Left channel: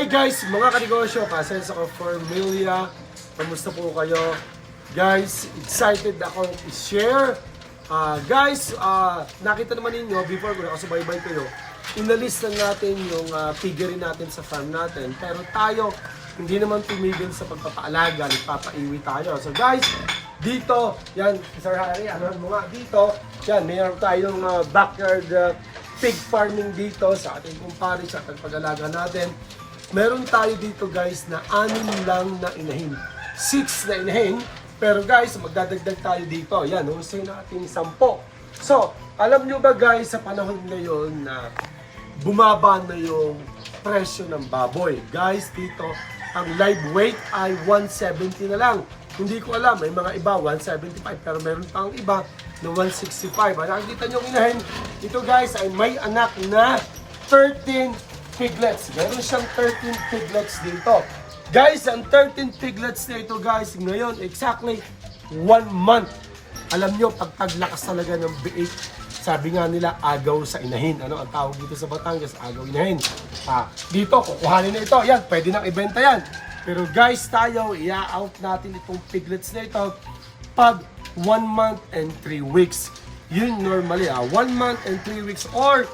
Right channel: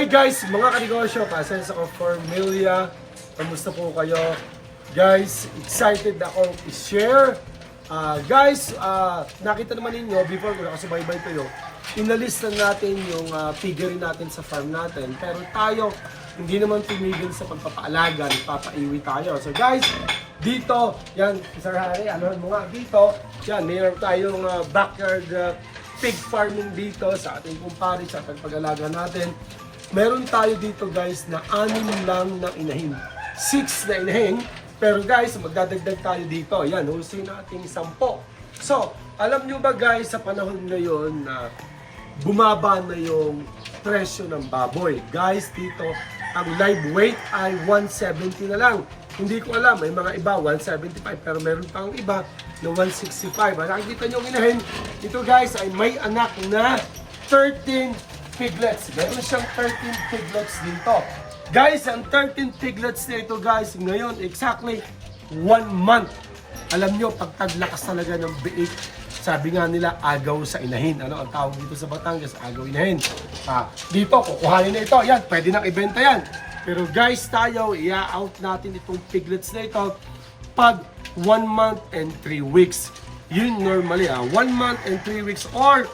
Hi guys, mga kanegosyo, Kasensa ko Formula. Kamusta po kayo? Guys, excited ako i-share. Guys, nakita naman ninyo, before ko nakasubaybay kayo, inalis na natin yung piggery natin sa farm natin. Pero tayo, hindi naman tumigil sa pagpapaalaga, nagpapaiwi tayo. So guys, dito, yan, Sir Harry, ano mo nga, dito, yan, mayroon tayong backyard pig farming dito sa ating kumpare, sa ating pag-alaga natin. Meron tayo dito guys na 6 lang na inahin. 6 na inahin. Pero guys, magdadagdag tayo dito. Yan, husin natin 10. So, alam nyo ba guys, sa panahon ngayon na bumaba na yung presyo ng baboy. Guys, dito, ang live weight ay 170 na lang. Hindi ko alam, may mga iba 175 pero meron pang iba na 165. Nakikita nyo ang inahin, ito guys ay may anak na 13 piglets. Meron siyang 13 piglets dito. Guys, ang 13 piglets na ito guys, ngayon exactly 1 month. Alam nyo, pagtaglakas talaga ng biik, sabi nga nila, agaw sa inahin. Ano ang tawag dito sa Batangas? Agaw inahin. Dito, kukuhanin na ito. Yan, pwede nang ibenta yan. Pero guys, tayo, i-out natin itong piglets na ito pag 1 month and 3 weeks. Yun normally, 1 month and 3 weeks or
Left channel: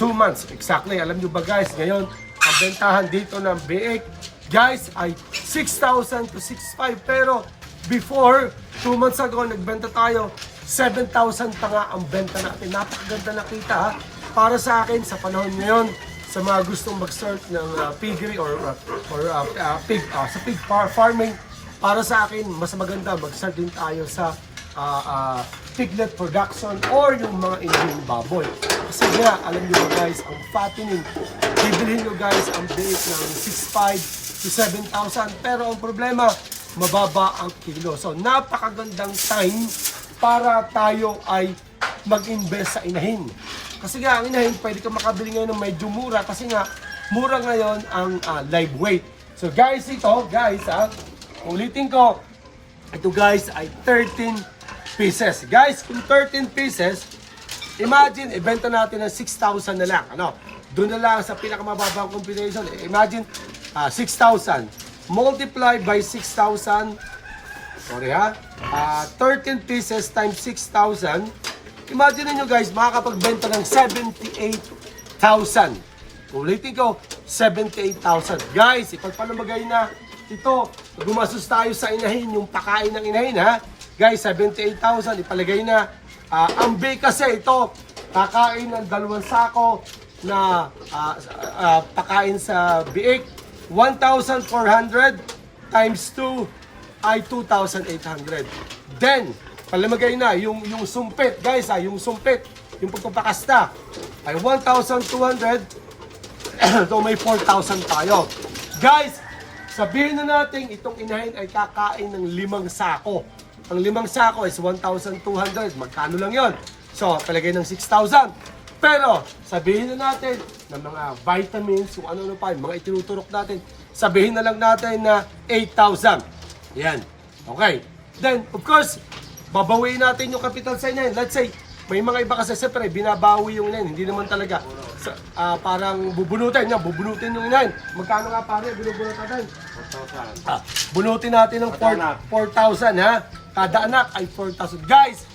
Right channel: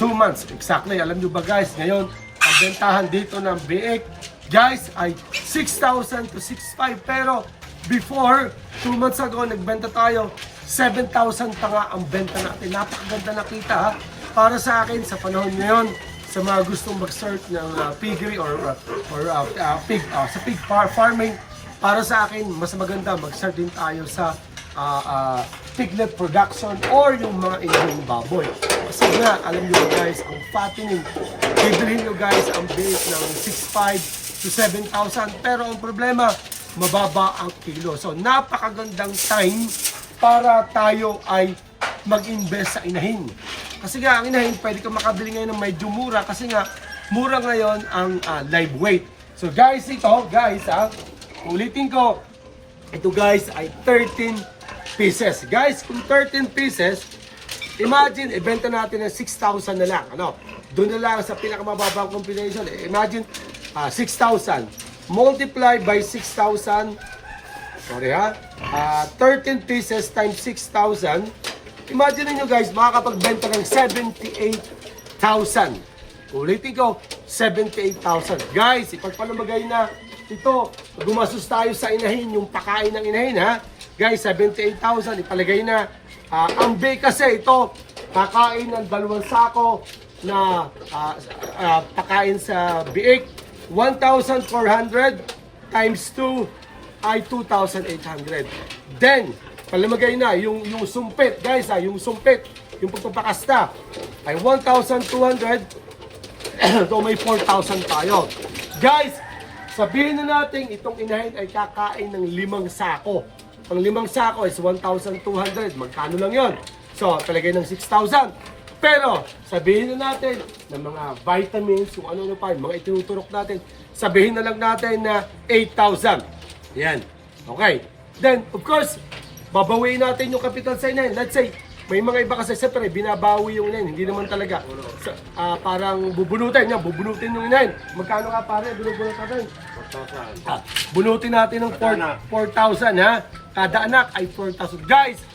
2 months. Exactly. Alam nyo ba guys, ngayon, ang bentahan dito ng biik, guys, ay 6,000 to 6,500. Pero before, 2 months ago, nagbenta tayo, 7,000 pa nga ang benta natin. Napakaganda na kita ha. Para sa akin, sa panahon ngayon, sa mga gustong mag-start ng piggery or sa pig farming, para sa akin, mas maganda mag-start din tayo sa piglet production or yung mga inahing baboy. Kasi nga, alam nyo guys, ang fattening, bibilhin nyo guys ang biik ng 6,500 to 7,000. Pero ang problema, mababa ang kilo. So, napakagandang time para tayo ay mag-invest sa inahin. Kasi nga, ang inahin, pwede ka makabili ngayon ng medyo mura kasi nga, mura ngayon ang live weight. So guys, ito, guys, ulitin ko, ito guys ay 13 pieces. Guys, kung 13 pieces, imagine, ibenta natin ng 6,000 na lang. Ano? Doon na lang sa pinakamababang combination. Imagine, 6,000. Multiply by 6,000. Sorry ha. 13 pieces times 6,000. Imagine niyo guys, makakapagbenta ng 78,000. Ulitin ko, 78,000. Guys, ipagpalumagay na ito. Gumastos tayo sa inahin, yung pakain ng inahin ha. Guys, 78,000, ipalagay na. Ang biik kasi ito, kakain ng 2 sako na pakain sa biik. 1,400 times 2 ay 2,800. Then, palamagay na yung sumpit, guys, yung sumpit, yung pagpapakasta ay 1,200. So may 4,000 tayo. Guys, sabihin na natin itong inahin ay kakain ng 5 sako. Ang 5 sako is 1,200. Magkano lang yon? So, talagay ng 6,000. Pero, sabihin na natin ng mga vitamins, kung ano-ano pa, mga itinuturok natin, sabihin na lang natin na 8,000. Yan. Okay. Then, of course, babawiin natin yung kapital sa inahin. Let's say, may mga iba kasi siyempre binabawi yung inahin. Hindi naman talaga. Parang bubunutin. Yan, bubunutin yung inahin. Magkano nga pare? Binubunot natin? 4,000. Bunutin natin ng 4,000 ha. Kada anak ay 4,000. Guys,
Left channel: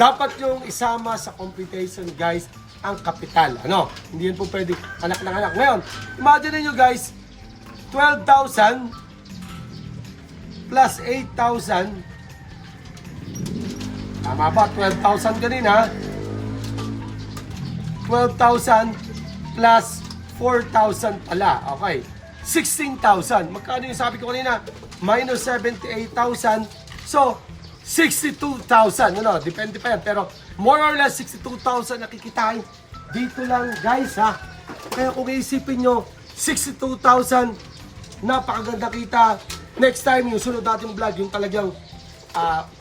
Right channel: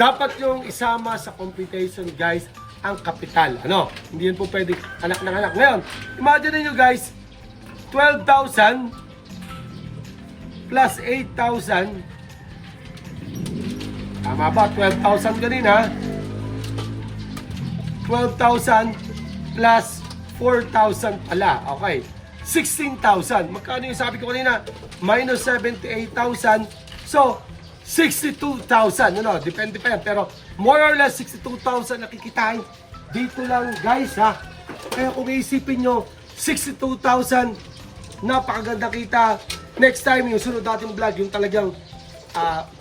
dapat yung isama sa computation guys ang kapital. Ano? Hindi yan po pwede anak ng anak. Ngayon, imagine niyo guys, 12,000 plus 8,000. Tama ba? 12,000 kanina. 12,000 plus 4,000 pala. Okay. 16,000. Magkano yung sabi ko kanina? Minus 78,000. So, 62,000. Ano? Depende pa yan. Pero more or less 62,000 nakikitain. Dito lang guys ha. Kaya kung iisipin nyo, 62,000 napakaganda kita. Next time, yung sunod natin vlog, yung talagang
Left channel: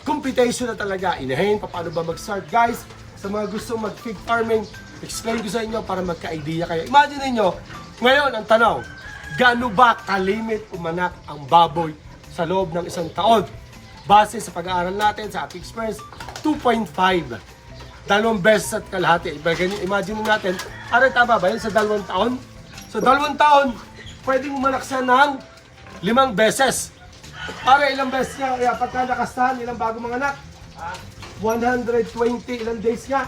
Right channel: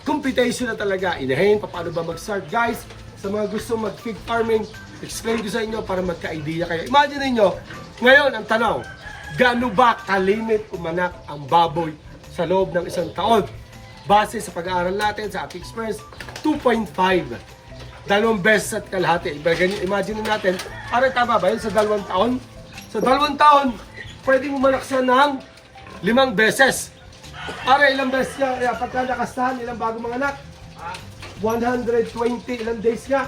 computation na talaga. Inahin, paano ba mag-start guys? Sa mga gusto mag-pig farming, explain ko sa inyo para magka-idea kayo. Imagine niyo ngayon ang tanong, gaano ba kalimit umanak ang baboy sa loob ng 1 taon? Base sa pag-aaral natin, sa ating experience, 2.5. 2 beses at kalahati. Imagine natin, tama ba yun sa 2 taon? Sa 2 taon, pwedeng umalaksan ng 5 beses. Para ilang beses niya, pagka nakastahan, ilang bago mga anak? 120, ilang days niya?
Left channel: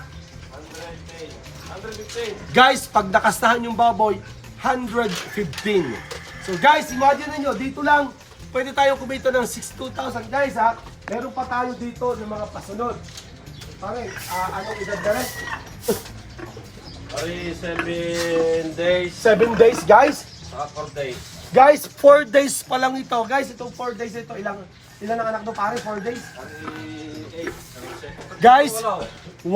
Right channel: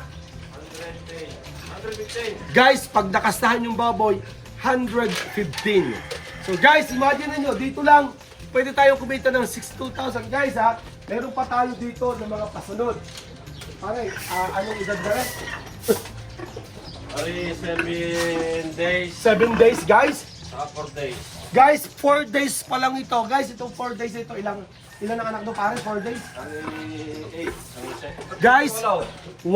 115. Guys, pag nakastahan yung baboy, 115. So guys, imagine niyo dito lang, pwede tayong kumita ng 62,000. Guys ha, meron pa tayo dito ng mga pasunod. Pare, anong edad ba rin? Ay, 7 days. 7 days, guys. 4 days. Guys, 4 days pa lang ito. Guys, itong 4 days ito, ilan ang anak mo pare? 4 days? Ay, 8. Guys, 8.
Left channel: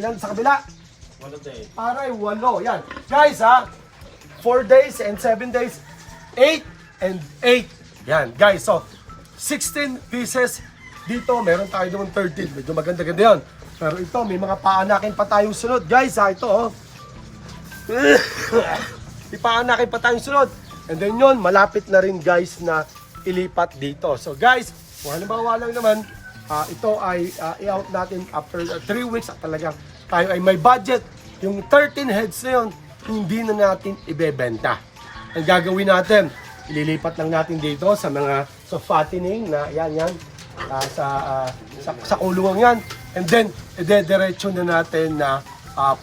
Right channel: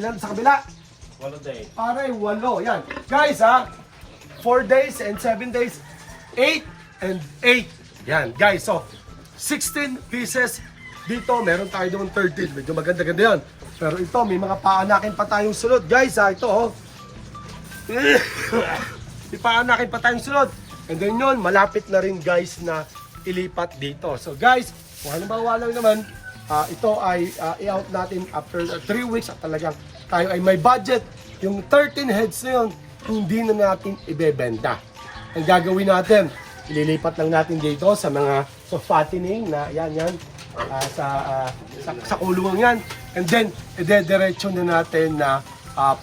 Ilan sa kabila? 1 day. Pare, 8. Yan. Guys ha, 4 days and 7 days, 8 and 8. Yan, guys. So, 16 pieces. Dito, meron tayo naman 13. Medyo maganda-ganda yan. Pero ito, may mga paanakin pa tayong sunod. Guys ha, ito oh. May paanakin pa tayong sunod. And then yun, malapit na rin guys na ilipat dito. So guys, kung halimbawa lang naman, ito ay i-out natin after 3 weeks at talagang tayo ay may budget. Yung 13 heads na yun, hindi na natin ibebenta. Ang gagawin natin, ililipat lang natin dito sa mga fattening na yan, sa kulungan yan. And then, ide-diretso na natin na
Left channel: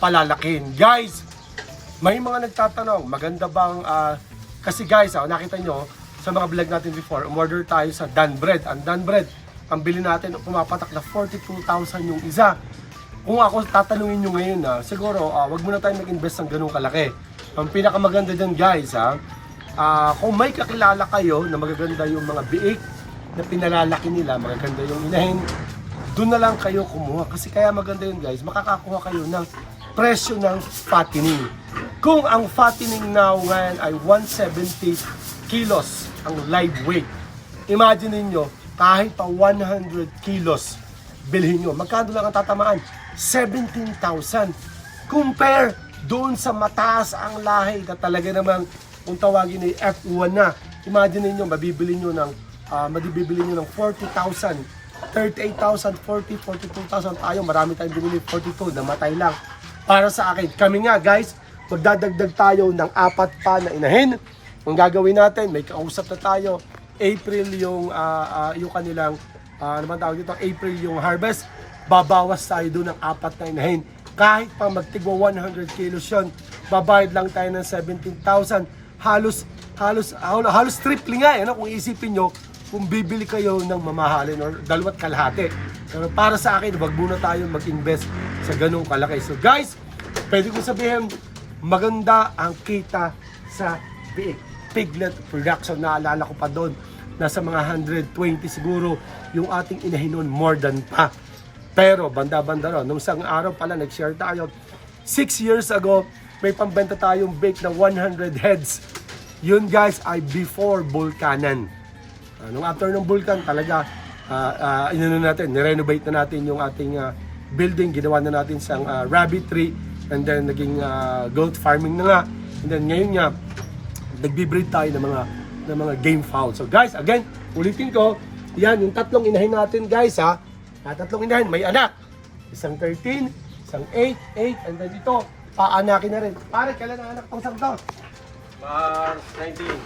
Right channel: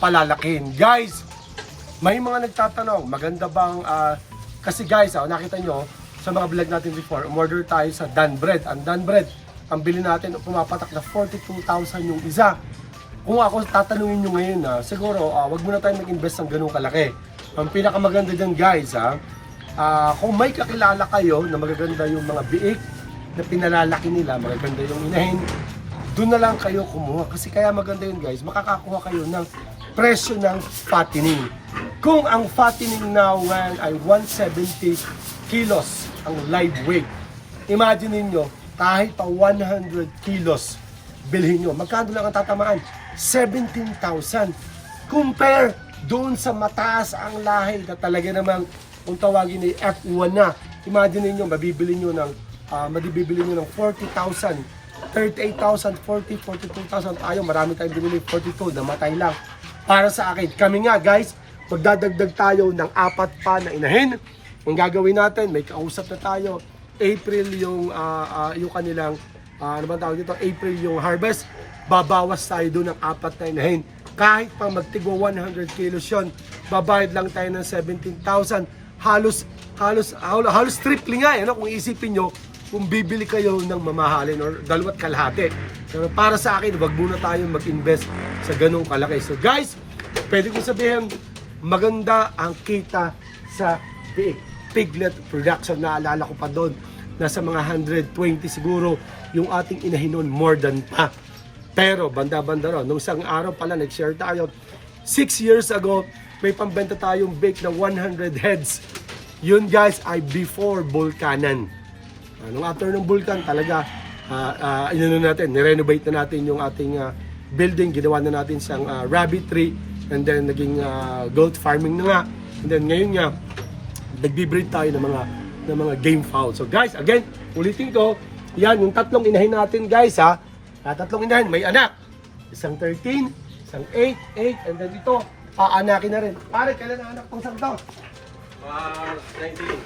palalakin. Guys, may mga nagtatanong, maganda bang, kasi guys, nakita nyo, sa mga vlog natin before, umorder tayo sa Dan Bread. Ang Dan Bread, ang bili natin, pumapatak na 42,000 yung isa. Kung ako tatanungin nyo ngayon, siguro, wag muna tayo mag-invest ng ganung kalaki. Ang pinakamaganda dyan guys, kung may kakilala kayo na magaganda yung mga biik, na pinalalaki nila, magaganda yung inahin, doon na lang kayo kumuha. Kasi kaya maganda yun guys, makakakuha kayo ng presyo ng fattening. Kung ang fattening now ngayon ay 170 kilos ang live weight, imagine niyo kahit pa 100 kilos bilhin nyo, magkano lang ang tatamaan? 17,000. Compare doon sa mataas ang lahi na talaga namang kung tawagin ni F1 na. Imagine niyo mabibili nyo ng 40,000, 38,000, 40, 42,000 tayo. Marami tayong binili 42, namatay lang. Para sa akin, kami nga guys, magdadagdag tayo ng 4 pa na inahin. Ang gagawin natin, may kausap na tayo. April yung kanilang, ano ba tawag dito? April yung harvest. Babawas tayo doon ng 4 na inahin. Kahit pa magtigwa 100 kilos yun, babayad lang tayo ng 17,000. Halos triple nga, kung isipin nyo, kung bibili kayo ng mamahalin or 2 kalahati. Pero para sa akin, wag muna tayo mag-invest sa ganung kalaki. So guys, pwede kong sabihin, maganda ang kita sa piglet production. Naalala ko pa doon, nasa mga 120 siguro yung ating inahinon, more than pa. Pero banda-banda ron, nung isang araw pala nag-share tayo, 6 years ago, may pambenta tayong bake na 100 heads. Yun guys ay before Bulkanan. Nung after ng Vulcan talaga, nirenovate na natin yung ating building, ginawa na natin siyang rabbit tree, and then naging goat farming na nga. And then ngayon nga, nagbi-breed tayo ng mga game fowl. So guys, again, ulitin ko, yan yung 3 inahin natin guys 3 inahin, may anak. Isang 13, isang 8, and then ito, paanakin na rin. Pare, kailan ang anak pang sangto? March 19.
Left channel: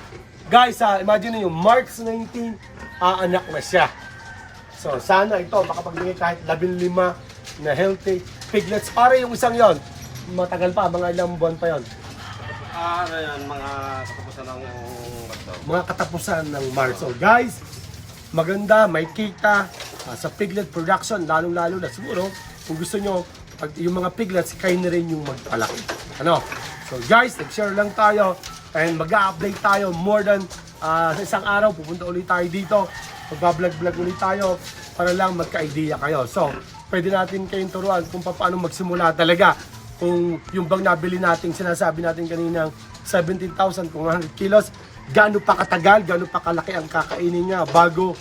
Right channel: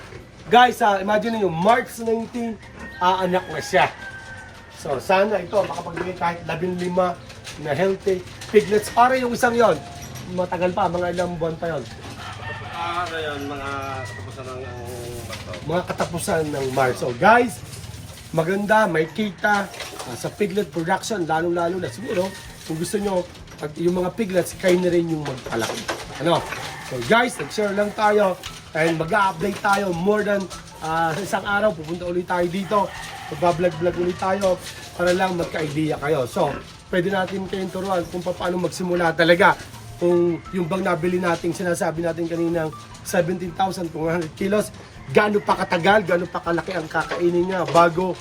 Guys, imagine niyo March 19, anak na siya. So, sana ito, makapagbigay kahit 15 na healthy piglets. Pare yung isang yon, matagal pa, mga ilang buwan pa yon. Ano yan, mga katapusan ng Mga katapusan ng March. So, guys, maganda, may kita sa piglet production, lalong-lalo na siguro, kung gusto nyo, pag yung mga piglets, kayo na rin yung magpalaki. Ano? So, guys, nag-share lang tayo. And mag-update tayo more than sa isang araw, pupunta ulit tayo dito. Mag-vlog ulit tayo para lang magka-idea kayo. So, pwede natin kayong turuan kung paano magsimula talaga. Kung yung bang nabili natin, sinasabi natin kaninang 17,000 kung 100 kilos, gaano pa katagal, gaano pa kalaki ang kakainin niya bago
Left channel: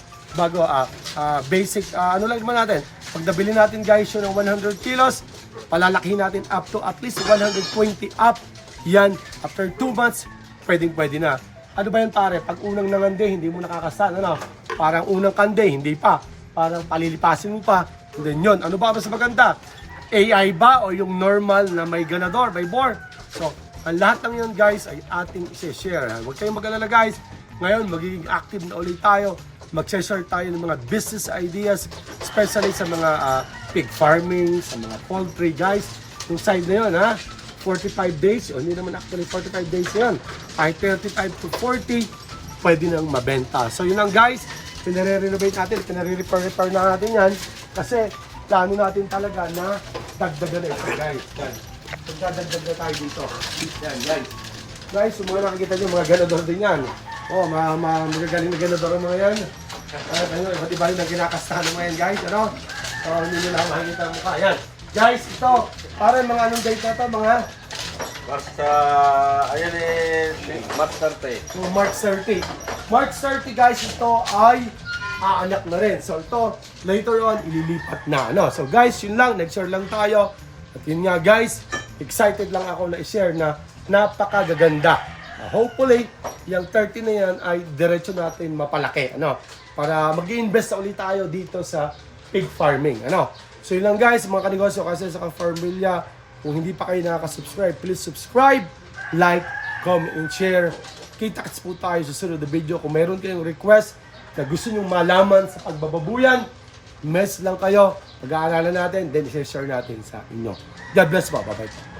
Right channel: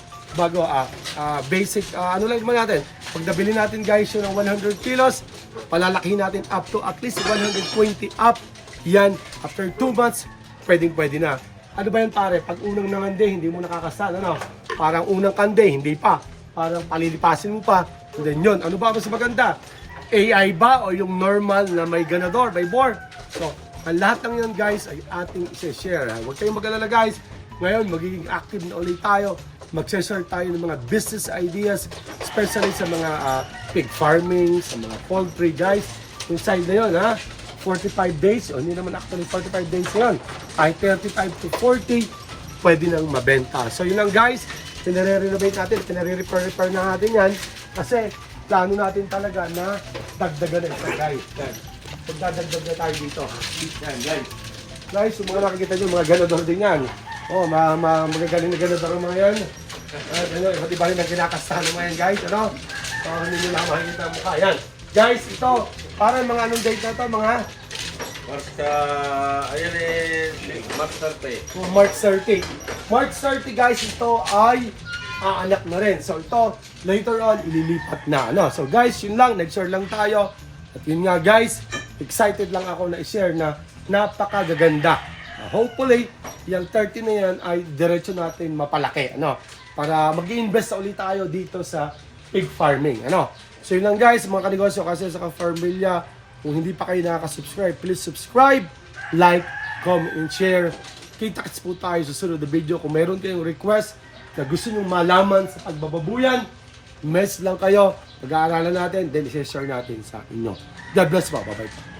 basic, ano lang naman natin. Pag nabili natin guys yun ng 100 kilos, palalakihin natin up to at least 120 up. Yan, after 2 months, pwede na. Ano ba yan pare? Pag unang nangande, hindi mo nakakasal, ano? Parang unang kande, hindi pa. Parang palilipasin mo pa. And then yun, ano ba mas maganda? AI ba o yung normal na may ganador, may bore? So, Ang lahat ng yun guys ay ating i-share. Huwag kayong mag-alala guys. Ngayon magiging active na ulit tayo. Mag-share tayo ng mga business ideas, especially sa mga pig farming, sa mga poultry guys. Yung side na yun 45 days, hindi naman actually 45 days yun. Ay 35 to 40, pwede nang mabenta. So yun lang guys, pinare-renovate natin, pinare-repair na natin yan. Kasi plano natin talaga na dagdagan na ito guys. Yan. Pagdadagdag na tayo dito. Yan guys. Guys, yung mga nakikita nyo, mga ganador din yan. Magagaling na ganador ang mga yan. Ayun, iba't iba rin ang kinakastahan ng mga yan guys. Ano? So, hindi nyo lang makikita ang mukha. Yan. Guys, ito, para mga anong date na ito, mga Ayan March 30. March 30. March 30 guys, ito ay aanak na rin. So ito, later on, ililipat na. So guys, yun lang, nag-share lang tayo. At yun nga guys, excited lang ako na i-share na napakagaganda. Hopefully, yung 30 na yan ay diretso natin mapalaki. Para mag-i-invest ulit tayo dito sa pig farming. So yun lang guys, mga kanegosyo, kasi sa Farmilla, kung hindi pa kayo nakaka-subscribe, please subscribe, like, comment, and share. Kita-kits po tayo sa sunod na video. Kung mayroon kayong request na gusto nyo malaman sa pagbababuyan, message lang kayo, pag-aaralan natin, then i-share natin sa inyo. God bless po. Bye-bye po.